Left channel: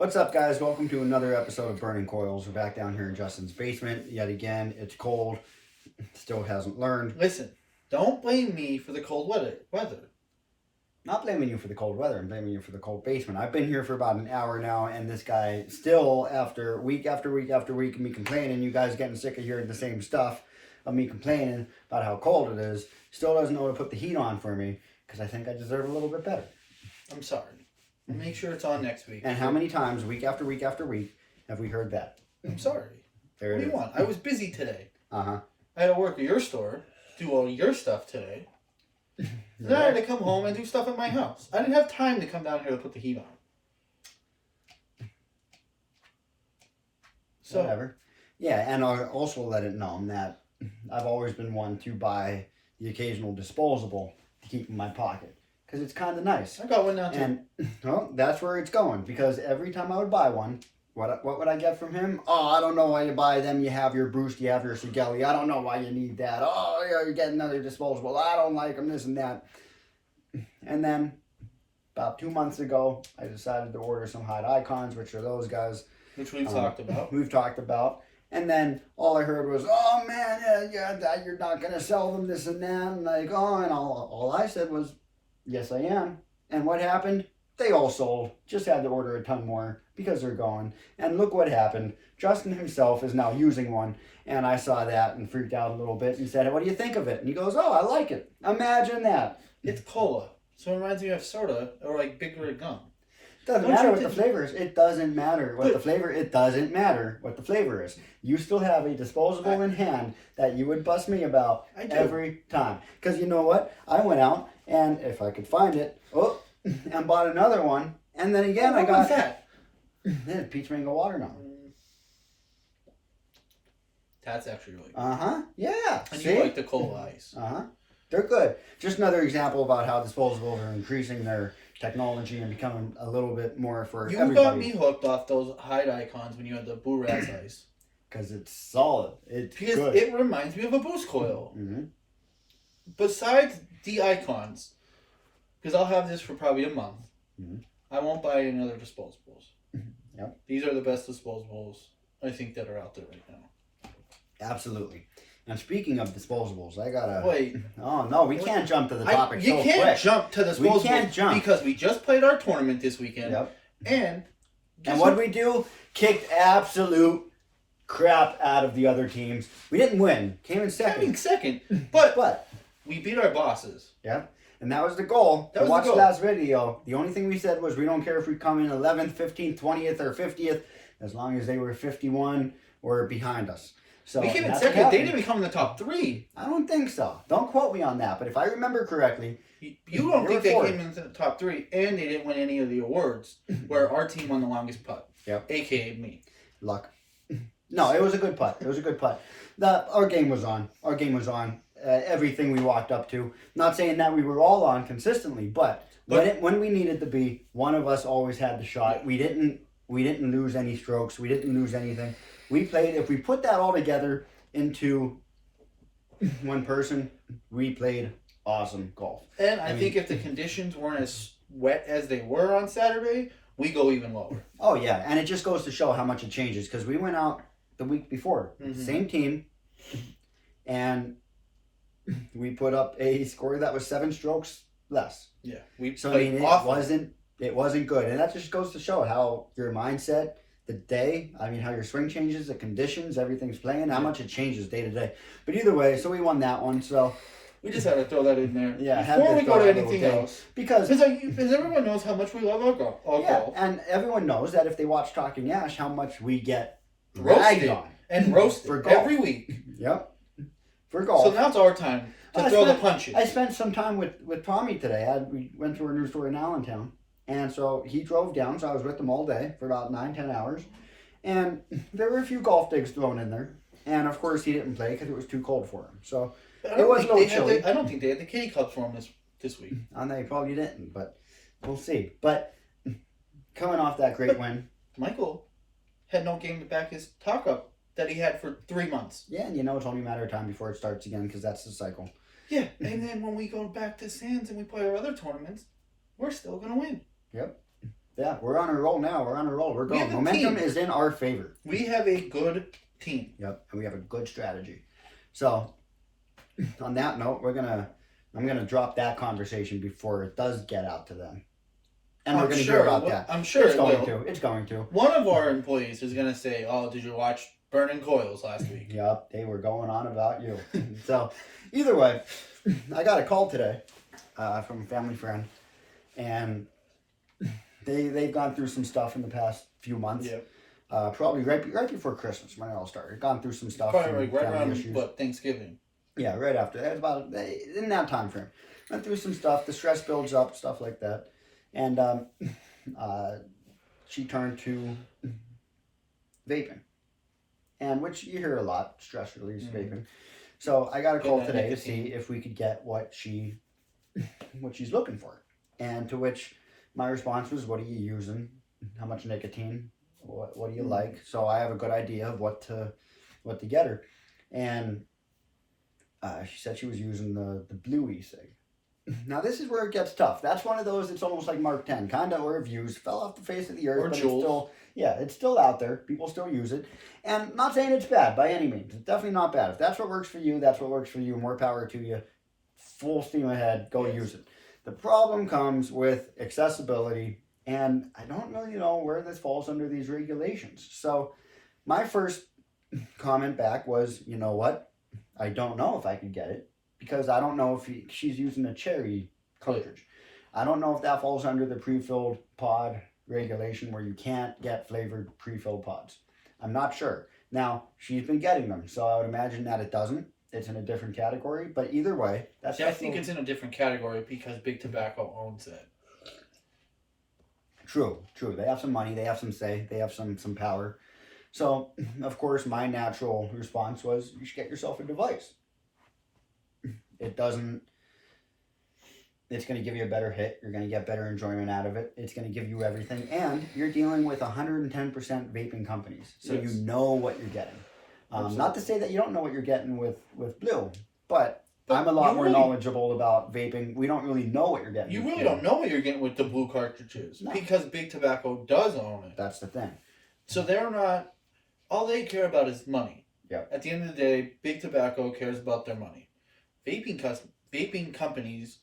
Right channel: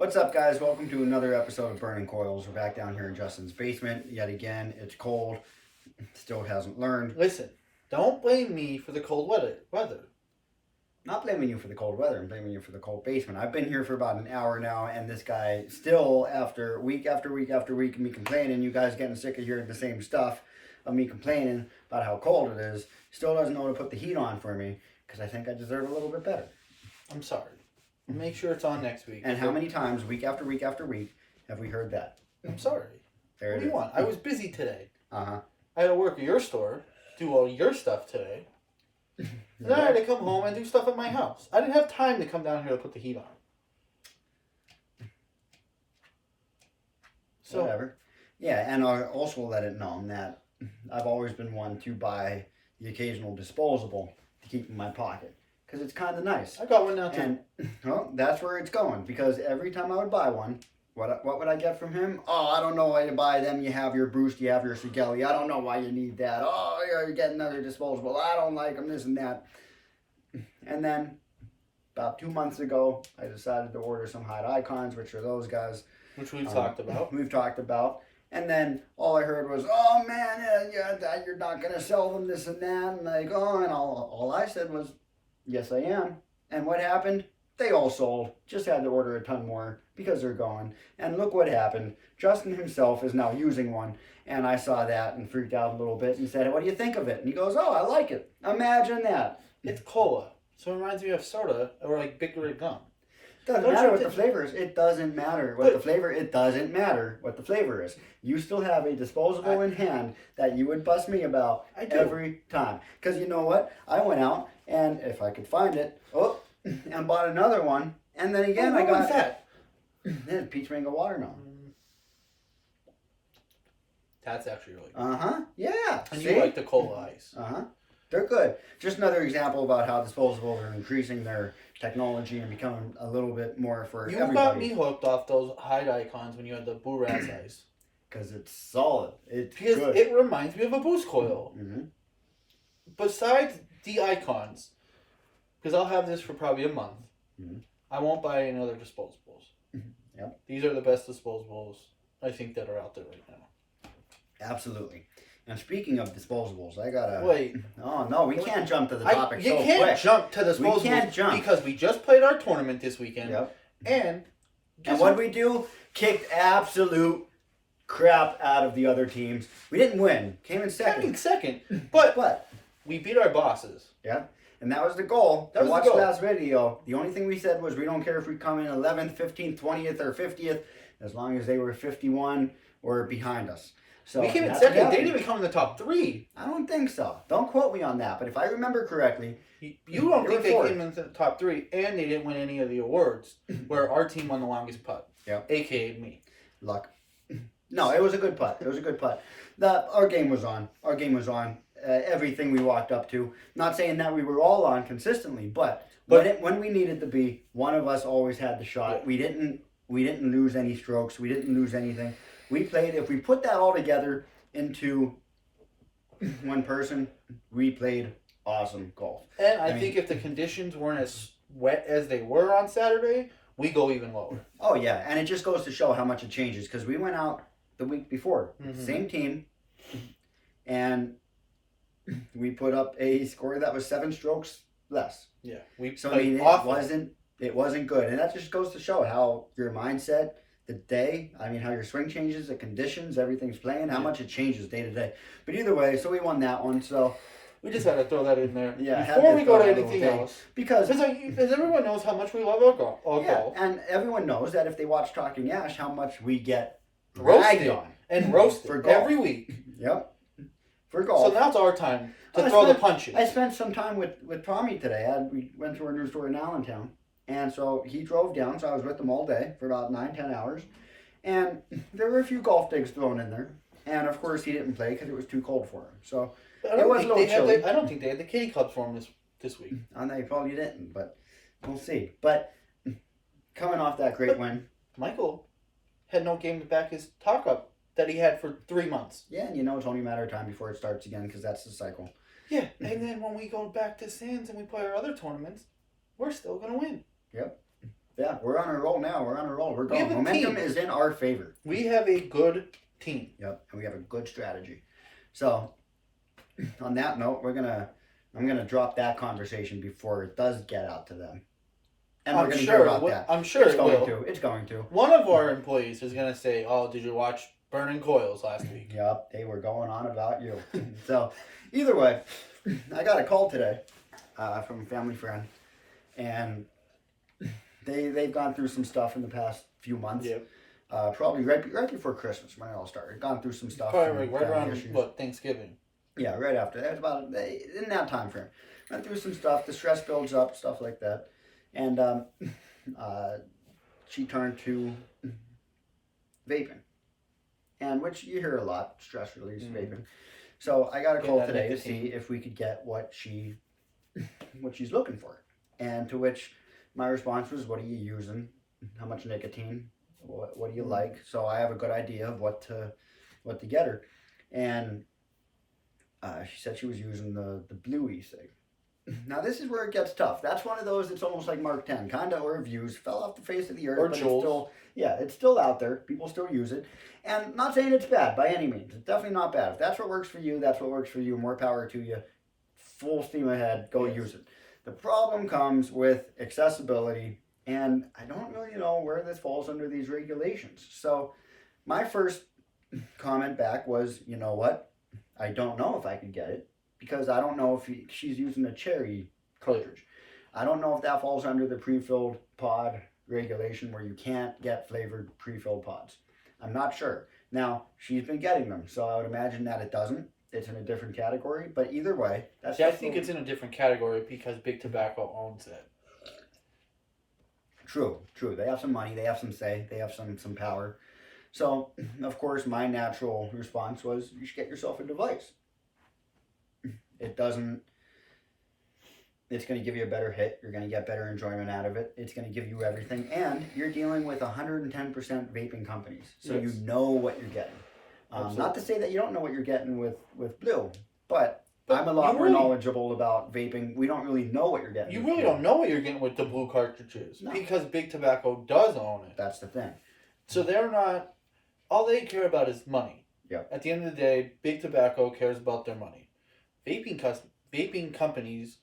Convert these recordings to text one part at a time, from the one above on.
What's up, guys? Welcome to another episode of Burning Coils. We're back down here in Justin's basement yet again. It's cold. Still hasn't learned. Listen, don't blame me for the cold weather. Not blaming you for the cold weather. I'm blaming you for the cold basement. I've been here for about an hour now, and this guy still, after week after week after week of me complaining, you guys getting sick of hearing the same stuff of me complaining about how cold it is, still doesn't know how to put the heat on for me because I think I deserve a little bit better. I'm sorry. We'll make sure it's on next week. And how many times, week after week after week, have we heard that? I'm sorry. There What it do you is. want? I was busy today. Uh-huh. I had to work at your store, do all your stuff today. Then I had to come home and do stuff at my house. I didn't have time to come down here to put the heat on. So, Whatever. Yeah, and I'll also let it known that I've always been one to buy the occasional disposable to keep in my pocket. Because it's kind of nice. I got one now too. And well, that's where it's going. Because every time I would buy one, what would I get from him? Oh, I don't know why you buy them. You have your Bruce, you have your Sigelli. I don't know why you need that. Oh, yeah, you get another disposable. I don't like them, this and that. And then, about 2 months ago, I decided to order some hot icons, which are those guys. Which we've talked about. We've talked about. And then all I heard was, oh man, yeah, you're not going to sell them, this and that. And like, oh, and all I said was, yes, I am. And what happened? They all sold. Just had to order a ton more because they're gone. And look what happened. Justin himself is now using one. And I saw that and freaked out a little bit and said, what do you think of it? And he goes, oh, I like it. Imagine that. It's cola. So it reminds me of soda or like Big Red gum. Doesn't matter what the flavor is. It doesn't matter what the flavor. It doesn't matter what the flavor is. You still have a disposable in hand that you would bust me about every time. Because you know what? I went out and if I could find it, and bought another one. And then again, I got that. This peach mango watermelon. That's actually really good. Yeah. And See? you like the cola ice. They're good. Just another example about how disposables are increasing their technology and becoming a little bit more for everybody. You got me hooked off those hide icons when you had the Boo Rat's ice. Because it's solid. It's because good. It reminds me of a Boost coil. Mm-hmm. Besides the icons, because I'll have this for probably a month, I won't buy any other disposables. Yep. These are the best disposables I think that are out there right now. Absolutely. And speaking of disposables, I gotta... Wait. Oh, no, we can't jump to the topic so quick. You can't jump to disposables. We can't jump. Because we just played our tournament this weekend. Yep. And what did we do? Kicked absolute crap out of the other teams. We didn't win. Came in second. But we beat our bosses. Yeah. And that was the goal. That was watch the goal. last video. The only thing we said was we don't care if we come in 11th, 15th, 20th, or 50th, as long as they were 51 or behind us. So we came in second. They didn't even come in the top 3. I don't think so. Don't quote me on that. But if I remember correctly, you don't think they came into the top 3, and they didn't win any of the awards, where our team won the longest putt. Yep. AKA me. Luck. No, it was a good putt. It was a good putt. Our game was on. Our game was on. Everything we walked up to. Not saying that we were all on consistently, but when we needed to be, one of us always had the shot. Yeah. We didn't lose any strokes. We didn't lose anything. We played. If we put that all together into one person, we played awesome golf. And I think if the conditions weren't as wet as they were on Saturday, we go even lower. Oh yeah, and it just goes to show how much it changes because we went out the week before, same team, and we put up a score that was 7 strokes less. Yeah, it wasn't good, and that just goes to show how your mindset, the day, how your swing changes, the conditions, everything's playing, how much it changes day to day. But either way, so we won that one. So we just had to throw that in there. Yeah, before we go to anything else, because everyone knows how much we love our golf. And everyone knows that if they watch Talking Ash, how much we get ragged on and roasted for golf every week. Yep. For golf. So now it's our time to throw the punches. I spent some time with Tommy today. We went to our new store in Allentown. And so he drove down, so I was with him all day for about 9-10 hours. And there were a few golf digs thrown in there. And of course he didn't play because it was too cold for him. So it was a little chilly. I don't think they had the kitty club for him this week. And they probably didn't, but we'll see. But coming off that great win. Michael had no game to back his talk up that he had for 3 months. Yeah, and it's only a matter of time before it starts again because that's the cycle. Yeah, and then when we go back to Sands and we play our other tournaments, we're still going to win. Yep. Yeah, we're on a roll now. We're on a roll. We're We have going. a Momentum team. is in our favor. We have a good team. Yep, and we have a good strategy. So, on that note, I'm gonna drop that conversation before it does get out to them, and we're gonna hear about that. I'm sure It's it going will. to. It's going to. One of our employees is gonna say, "Oh, did you watch Burning Coils last week?" Yep, they were going on about you. So, either way, I got a call today from a family friend, and they've gone through some stuff in the past few months. Yep. Probably right before Christmas when it all started. Gone through some stuff. Probably like right family around issues. Thanksgiving. Yeah, right after. That was about in that time frame. Went through some stuff. The stress builds up, stuff like that, and she turned to vaping, and which you hear a lot, stress release vaping. So I got a call today to see if we could get what she's looking for, and to which my response was, "What are you using? How much nicotine? What do you like?" So I have a good idea of what to get her, and she said she was using the blue e-cig. Now this is where it gets tough. That's one of those. It's almost like Mark 10, kind of reviews, fell off the face of the earth, Or but Jules. it's still, it's still out there. People still use it, and I'm not saying it's bad by any means. It's definitely not bad. If that's what works for you, that's what works for you. More power to you. Full steam ahead. Go use it. The problem comes with accessibility, and I don't really know where this falls under these regulations. So my first comment back was, you know what? I don't know if I could get it because I don't know if she's using a cherry cartridge. I don't know if that falls under the pre-filled pod regulation where you can't get flavored pre-filled pods. I'm not sure. Now, she's been getting them, so I would imagine that it doesn't. It's in a different category, but either way, that's. See, I think it's in a different category because Big Tobacco owns it. True. They have some money. They have some say. They have some power. So, of course, my natural response was, you should get yourself a device. It doesn't. It's going to give you a better hit. You're going to get better enjoyment out of it. It's going to give you everything, and you're dealing with 110% vaping companies, so Yes. you know what you're getting. Not to say that you don't know what you're getting with Blue, but I'm a lot more knowledgeable about vaping. We don't really know what you're getting. You with really Blue. don't know what you're getting with the blue cartridges because Big Tobacco does own it. That's the thing. So they're not. All they care about is money. Yep. At the end of the day, Big Tobacco cares about their money. Vaping companies,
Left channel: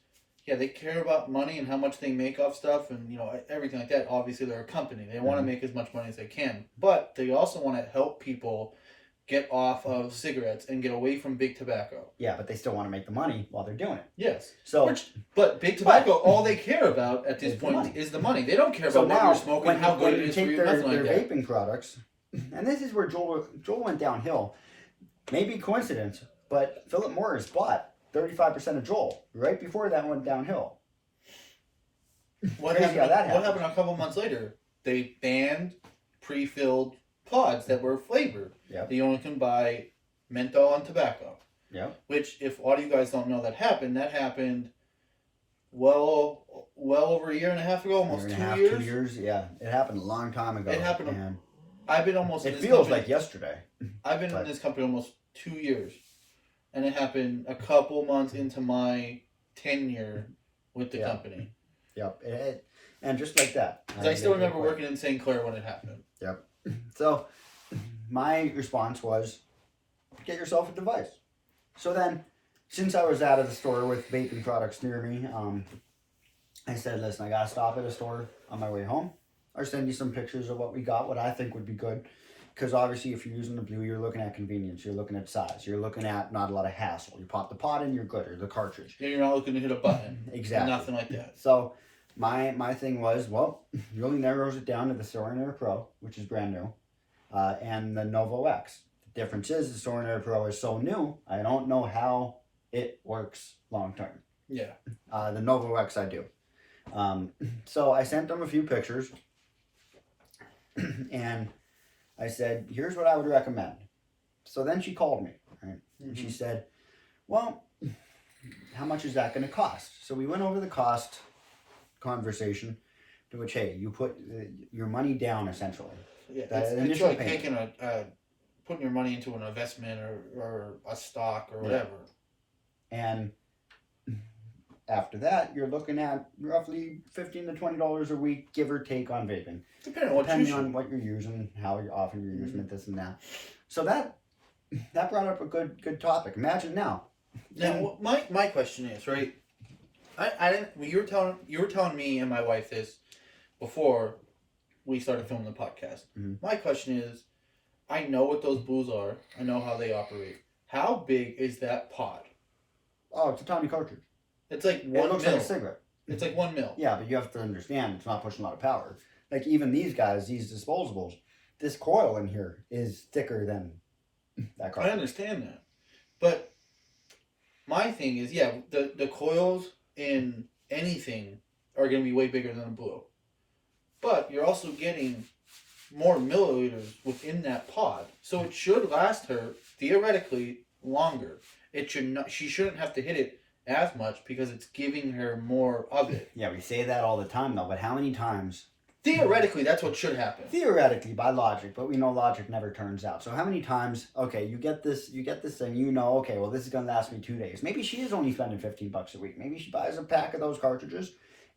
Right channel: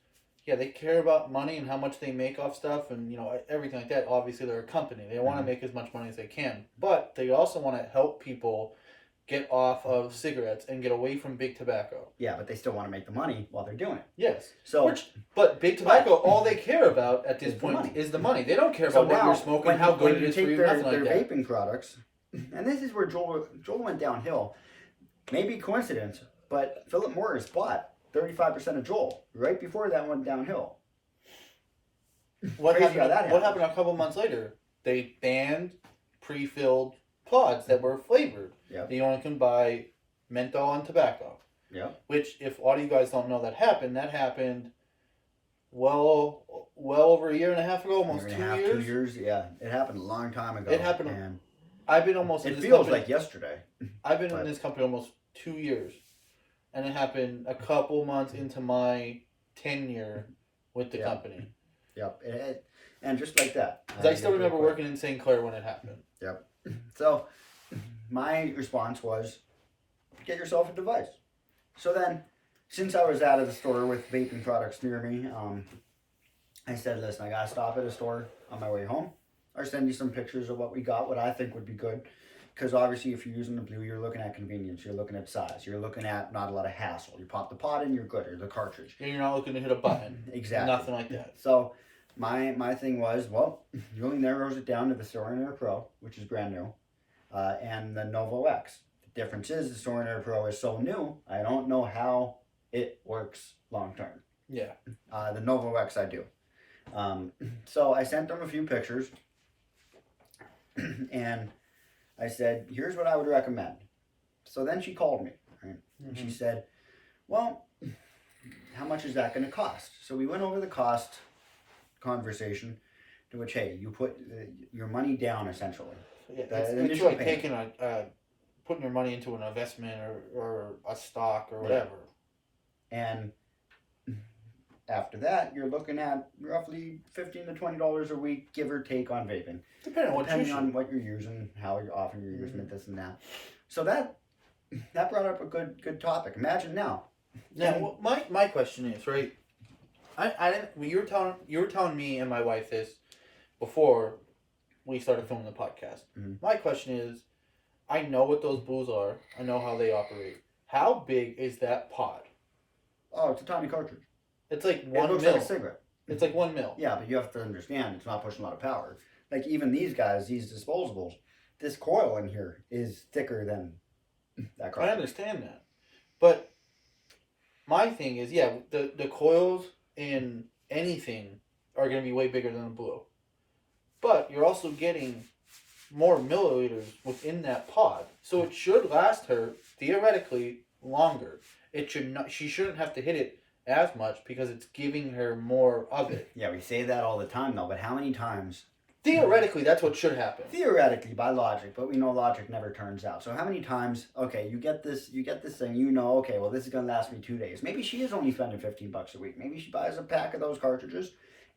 yeah, they care about money and how much they make off stuff and everything like that. Obviously, they're a company. They want to make as much money as they can, but they also want to help people get off of cigarettes and get away from Big Tobacco. Yeah, but they still want to make the money while they're doing it. Yes. So, but Big Tobacco, all they care about at this point is the money. They don't care about what you're smoking, how good it is for you, nothing like that. Their vaping products, and this is where Joel went downhill. Maybe coincidence, but Philip Morris bought 35% of Joel right before that went downhill. What happened a couple months later? They banned pre-filled pods that were flavored. Yep. You only can buy menthol and tobacco. Yep. Which, if a lot of you guys don't know, that happened well over a year and a half ago, almost 2 years. 2 years, yeah. It happened a long time ago. It happened. And I've been almost. it feels like yesterday. I've been in this company almost 2 years, and it happened a couple months into my tenure with the company. Yep. And just like that. I still remember working in St. Clair when it happened. Yep. So my response was, get yourself a device. So then, since I was out of the store with vaping products near me, I said, listen, I got to stop at a store on my way home. Or send you some pictures of what we got, what I think would be good. Because obviously, if you're using the blue, you're looking at convenience. You're looking at size. You're looking at not a lot of hassle. You pop the pod in, you're good, or the cartridge. Yeah, you're not looking to hit a button. Exactly. Nothing like that. So my thing was, well, it really narrows it down to the Sorin Air Pro, which is brand new, and the Novo X. The difference is the Sorin Air Pro is so new, I don't know how it works long term. Yeah. The Novo X I do. So I sent them a few pictures, and I said, here's what I would recommend. So then she called me, right? And she said, well, how much is that going to cost? So we went over the cost conversation, to which, hey, you put your money down, essentially. Yeah, It's like taking putting your money into an investment or a stock or whatever. And After that, you're looking at roughly $15 to $20 a week, give or take, on vaping. Depending on what you're using, how often you're using it, this and that. So that brought up a good topic. Imagine now. Now, my question is, right? I didn't. You were telling me and my wife this before we started filming the podcast. Mm-hmm. My question is, I know what those blues are. I know how they operate. How big is that pod? Oh, it's a tiny cartridge. It's like It 1 looks mil. like a cigarette. It's like 1 mil. Yeah, but you have to understand it's not pushing a lot of power. Like even these guys, these disposables, this coil in here is thicker than that cartridge. I understand that, but my thing is, yeah, the coils in anything are going to be way bigger than a blue, but you're also getting more milliliters within that pod, so it should last her theoretically longer. It should not. She shouldn't have to hit it as much because it's giving her more of it. Yeah, we say that all the time though, but how many times? Theoretically, that's what should happen. Theoretically, by logic, but we know logic never turns out. So how many times? Okay, you get this thing. You know, okay, well, this is gonna last me 2 days. Maybe she is only spending $15 a week. Maybe she buys a pack of those cartridges,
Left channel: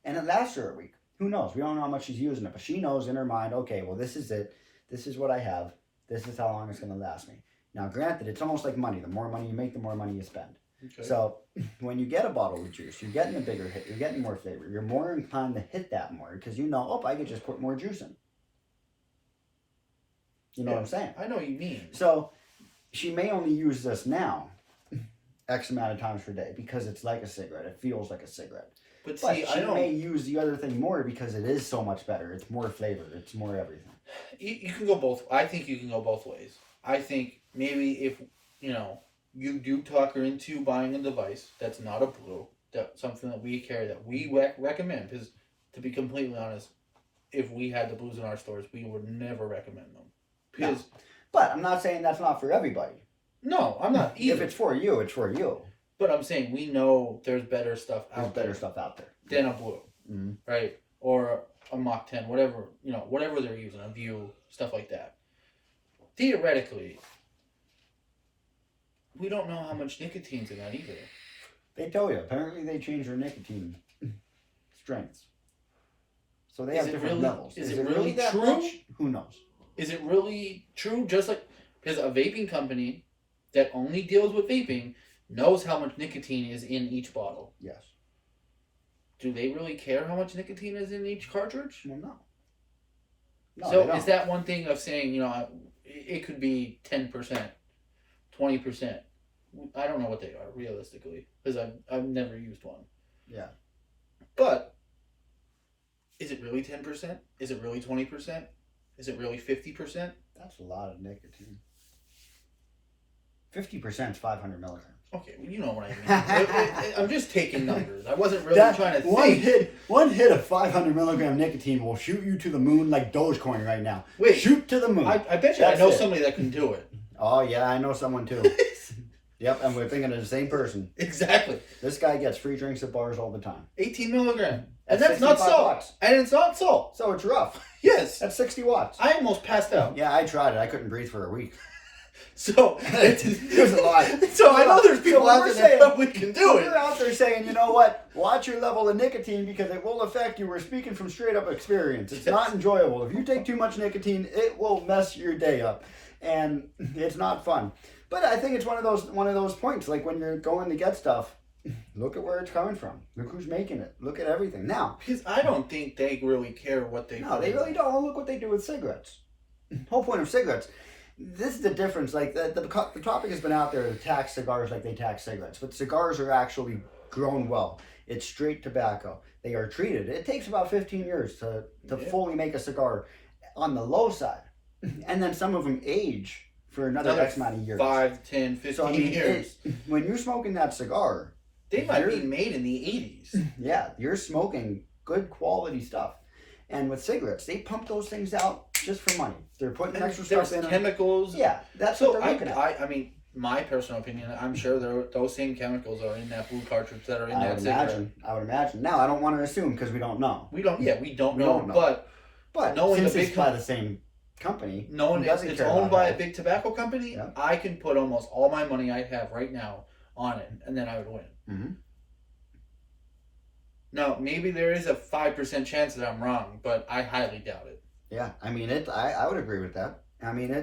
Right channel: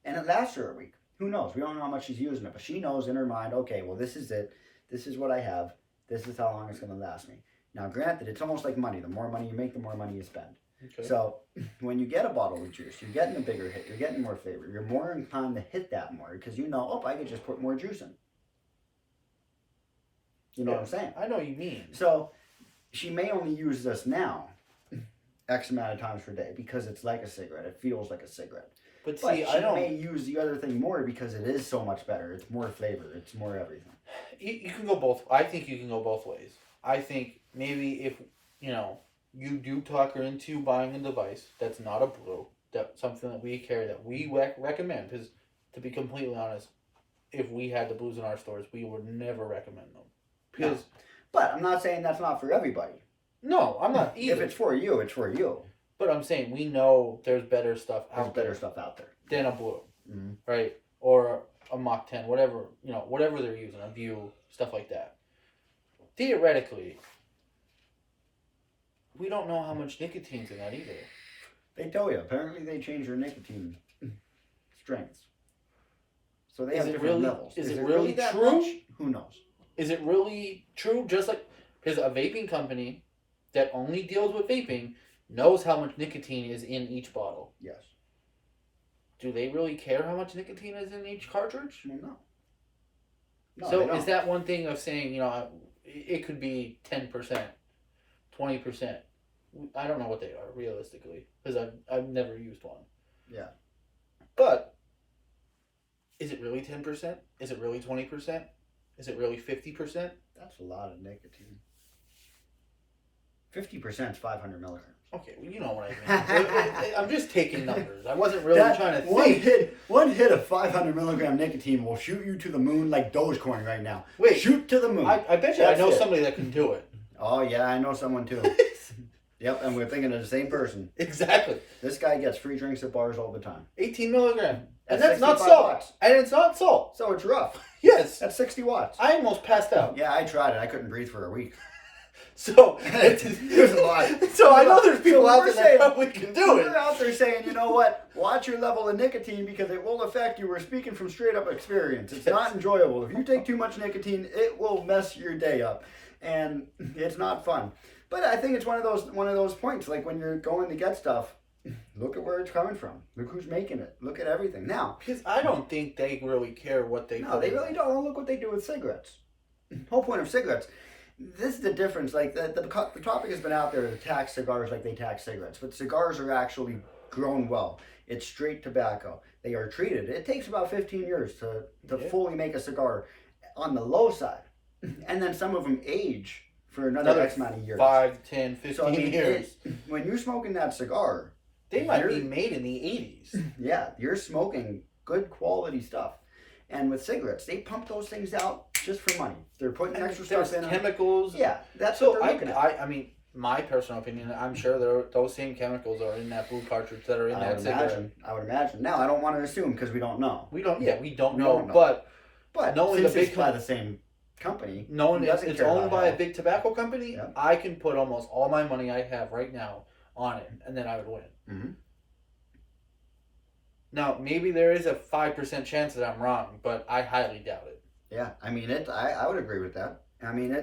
and it lasts her a week. Who knows? We don't know how much she's using it, but she knows in her mind, okay, well, this is it. This is what I have. This is how long it's gonna last me. Now, granted, it's almost like money. The more money you make, the more money you spend. Okay. So when you get a bottle of juice, you're getting a bigger hit. You're getting more flavor. You're more inclined to hit that more because you know, oh, I could just put more juice in. You know what I'm saying? I know what you mean. So she may only use this now X amount of times per day because it's like a cigarette. It feels like a cigarette. But But see, she may use the other thing more because it is so much better. It's more flavor. It's more everything. You can go both. I think you can go both ways. I think maybe if you do talk her into buying a device that's not a blue, that's something that we carry that we recommend. Because to be completely honest, if we had the blues in our stores, we would never recommend them. Because But I'm not saying that's not for everybody. no, I'm not either. If it's for you, it's for you. But I'm saying we know there's better stuff There's out better there stuff out there. than a blue, Mm-hmm. right? Or a Mach 10, whatever they're using, a View, stuff like that. Theoretically, we don't know how much nicotine's in that either. They tell you. Apparently, they change your nicotine strengths. So they have different levels. Is it really that true? much? Who knows? Is it really true? Just like, because a vaping company that only deals with vaping knows how much nicotine is in each bottle. Yes. Do they really care how much nicotine is in each cartridge? Well, no. No, they So don't. is that one thing of saying, it could be 10%, 20%. I don't know what they are realistically because I've never used one. Yeah. But is it really 10%? Is it really 20%? Is it really 50%? That's a lot of nicotine. 50% is 500 milligrams. Okay, well, you know what I mean. I'm just taking numbers. I wasn't really trying to think. One hit of 500 milligram nicotine will shoot you to the moon like Dogecoin right now. Wait, shoot to the moon. I bet you I That's know it. somebody that can do it. Oh yeah, I know someone too. Yep, and we're thinking of the same person. Exactly. This guy gets free drinks at bars all the time. 18 milligram. And At that's not 65 salt. watts. And it's not salt. So it's rough. Yes. That's 60 watts. I almost passed out. Yeah, I tried it. I couldn't breathe for a week. So There's a lot. So I know there's people So out we're there that probably can do it. We're out there saying, you know what? Watch your level of nicotine because it will affect you. We're speaking from straight up experience. It's not enjoyable. If you take too much nicotine, it will mess your day up, and it's not fun. But I think it's one of those points. Like when you're going to get stuff, look at where it's coming from. Look who's making it. Look at everything. Now, Because I don't think they really care what they no, they really don't. Look what they do with cigarettes. Whole point of cigarettes. This is the difference. Like the topic has been out there to tax cigars like they tax cigarettes, but cigars are actually grown well. It's straight tobacco. They are treated. It takes about 15 years to fully make a cigar on the low side, and then some of them age for another X amount of years. 5, 10, 15 So I mean, years. when you're smoking that cigar, They might be made in the 80s. yeah, you're smoking good quality stuff. And with cigarettes, they pump those things out just for money. They're putting extra stuff in them. Chemicals. Yeah, that's So what they're looking at. I mean, my personal opinion, I'm sure those same chemicals are in that blue cartridge that are in that cigarette. I would imagine. Now, I don't want to assume because we don't know. We don't know. We don't know. But knowing since the big it's by the same company, knowing doesn't it's care owned about by that. a big tobacco company, Yeah. I can put almost all my money I have right now on it, and then I would win. Mm-hmm. Now, maybe there is a 5% chance that I'm wrong, but I highly doubt it. Yeah, I mean, I would agree with that. I mean,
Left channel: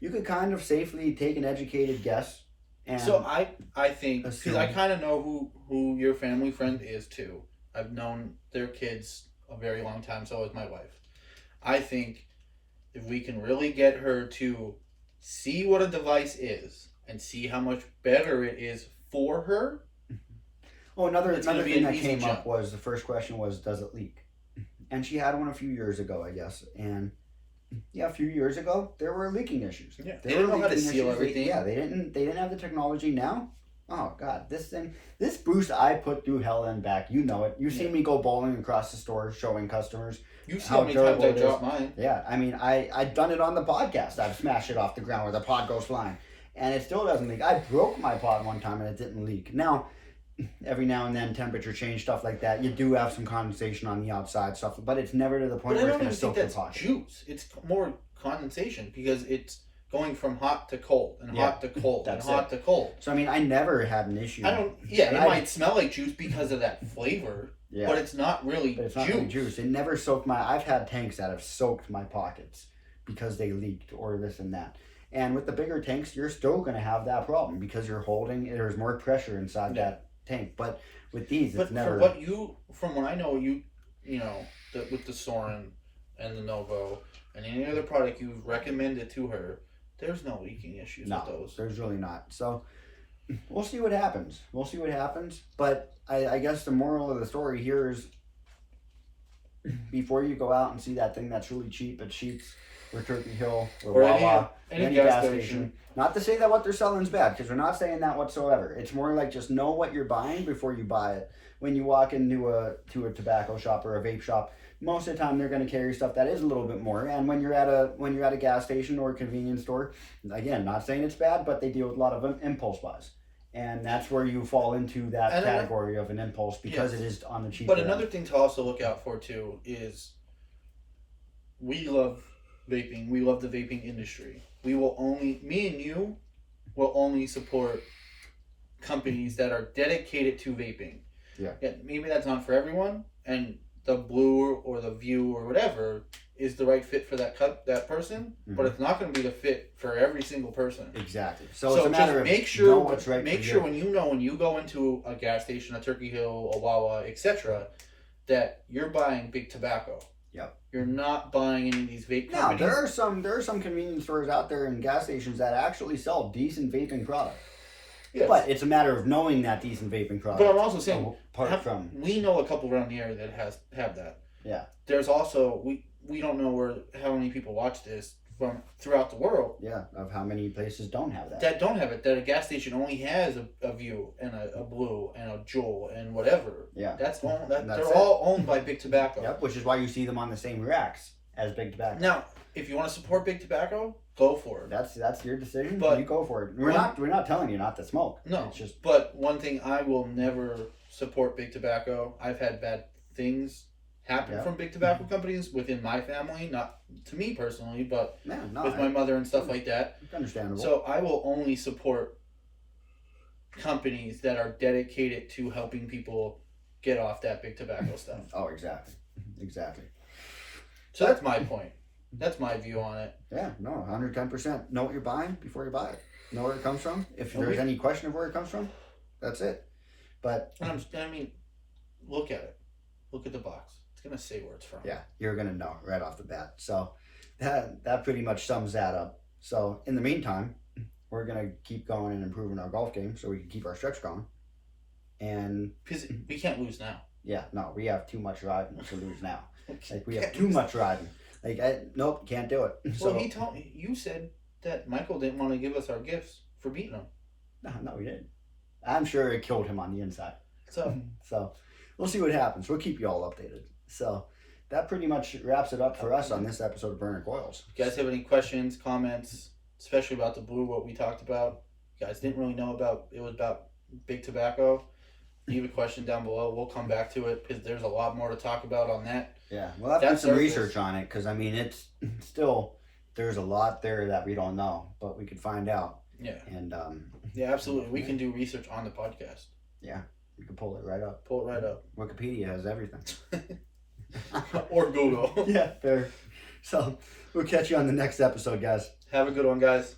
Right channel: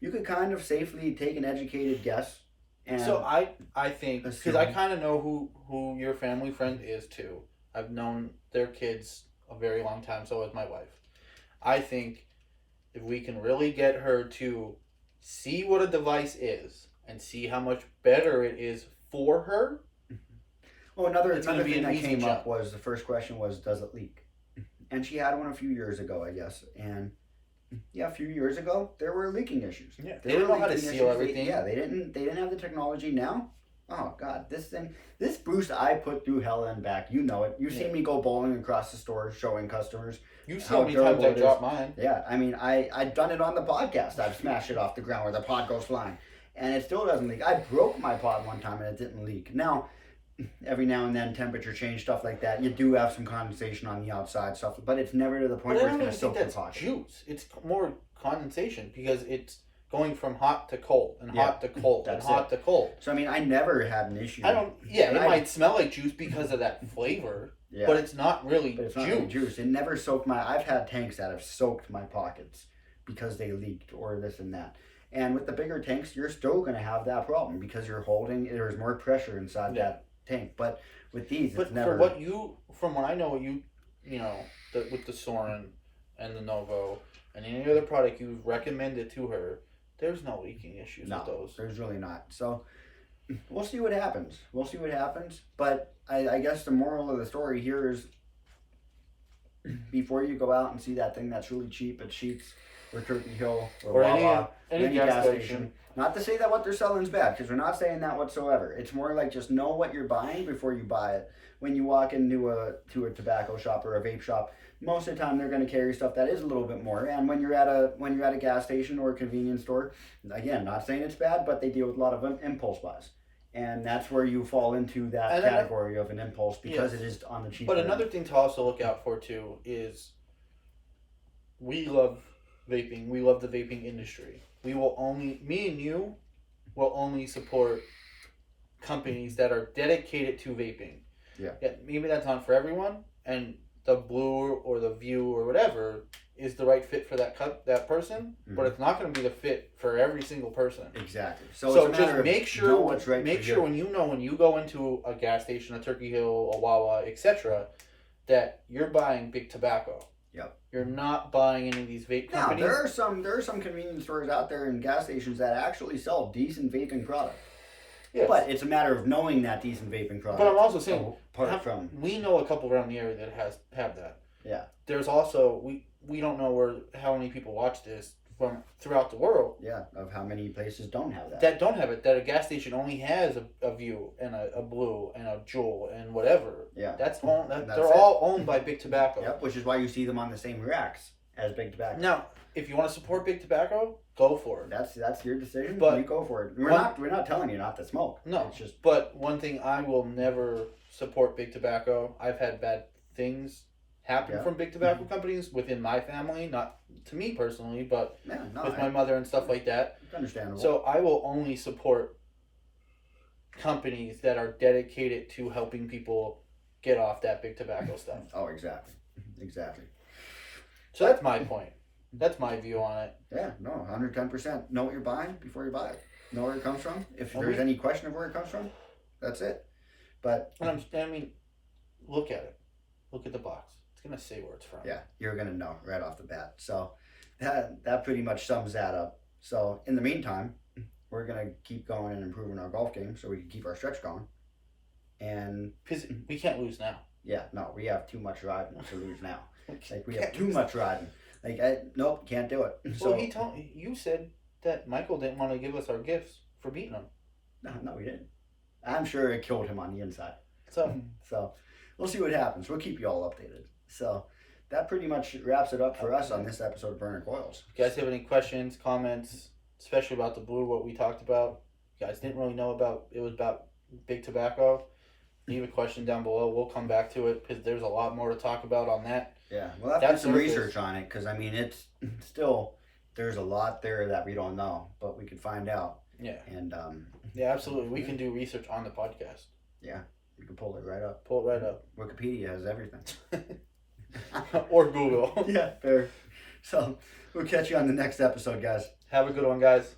you could kind of safely take an educated guess. And So I think, because I assume. kind of know who your family friend is too. I've known their kids a very long time, so has my wife. I think if we can really get her to see what a device is and see how much better it is for her. Oh, another It's gonna be thing an that easy came jump. up was the first question was, does it leak? And she had one a few years ago, I guess. And yeah, a few years ago, there were leaking issues. Yeah, There they were didn't know how to leaking seal issues. everything. They didn't have the technology now. Oh God, this boost I put through hell and back. You know it. You've seen me go bowling across the store showing customers. You've seen how how many times durable I it is. dropped mine. Yeah, I mean, I've done it on the podcast. I've smashed it off the ground where the pod goes flying, and it still doesn't leak. I broke my pod one time and it didn't leak. Now, every now and then, temperature change, stuff like that, you do have some condensation on the outside stuff, but it's never to the point But I where it's don't going even to soak think the that's pocket. juice. It's more condensation because it's going from hot to cold and Yeah, hot to cold and that's hot to cold. So I mean, I never had an issue. I don't. Yeah, And it might smell like juice because of that flavor, Yeah, but it's not really but it's not juice. really juice. It never soaked my. I've had tanks that have soaked my pockets because they leaked or this and that. And with the bigger tanks, you're still going to have that problem because you're holding. There's more pressure inside Yeah. that tank. But with these, But it's never. from what I know, you know, with the Soren and the Novo and any other product you've recommended to her, there's no leaking issues No, with those. there's really not. So we'll see what happens. We'll see what happens. But I guess the moral of the story here is before you go out and see that thing that's really cheap at Sheetz or Turkey Hill or Wawa, any gas station. Not to say that what they're selling is bad, because we're not saying that whatsoever. It's more like just know what you're buying before you buy it. When you walk into a tobacco shop or a vape shop, most of the time they're going to carry stuff that is a little bit more. And when you're at a gas station or a convenience store, again, not saying it's bad, but they deal with a lot of impulse buys. And that's where you fall into that category of an impulse because it is on the cheaper But another thing to also look out for too is we love vaping. We love the vaping industry. Me and you will only support companies that are dedicated to vaping. Yeah. Maybe that's not for everyone, and the Blue or the View or whatever is the right fit for that person, but it's not going to be the fit for every single person. Exactly. So it's a matter of make sure know what's right. Make sure when you go into a gas station, a Turkey Hill, a Wawa, etc., that you're buying Big Tobacco. Yep. You're not buying any of these vape Now companies. there are some convenience stores out there and gas stations that actually sell decent vaping products. Yes. But it's a matter of knowing that decent vaping product. But I'm also saying, from we know a couple around the area that have that. Yeah. There's also we don't know how many people watch this from throughout the world. Yeah, of how many places don't have that. That don't have it. That a gas station only has a View and a Blue and a Juul and whatever. Yeah. They're all owned by Big Tobacco. Yep, which is why you see them on the same racks as Big Tobacco. Now, if you want to support Big Tobacco, go for it. That's your decision. But you go for it. We're not telling you not to smoke. No, it's just. But one thing, I will never support Big Tobacco. I've had bad things happen from Big Tobacco companies within my family, not to me personally, but with my mother and stuff like that. It's understandable. So I will only support companies that are dedicated to helping people get off that Big Tobacco stuff. Oh, exactly. Exactly. So that's my point. That's my view on it. Yeah, no, 110%. Know what you're buying before you buy it. Know where it comes from. If there's any question of where it comes from, that's it. But I mean, look at it. Look at the box. It's gonna say where it's from. Yeah, you're gonna know right off the bat. So that pretty much sums that up. So in the meantime, we're gonna keep going and improving our golf game so we can keep our stretch going. And because we can't lose now. Yeah, no, we have too much riding to lose now. Like we have too much riding. Nope, can't do it. So well, you said that Michael didn't want to give us our gifts for beating him. No, he didn't. I'm sure it killed him on the inside. So we'll see what happens. We'll keep you all updated. So that pretty much wraps it up for us on this episode of Burner Coils. If you guys have any questions, comments, especially about the Blue, what we talked about, you guys didn't really know about, it was about Big Tobacco, leave a question down below. We'll come back to it because there's a lot more to talk about on that. Yeah, we'll have to do some research on it because, I mean, it's still, there's a lot there that we don't know, but we could find out. Yeah. And yeah, absolutely. We can do research on the podcast. Yeah, You can pull it right up. Pull it right up. Wikipedia has everything. Or Google. Yeah, fair. So we'll catch you on the next episode, guys. Have a good one, guys.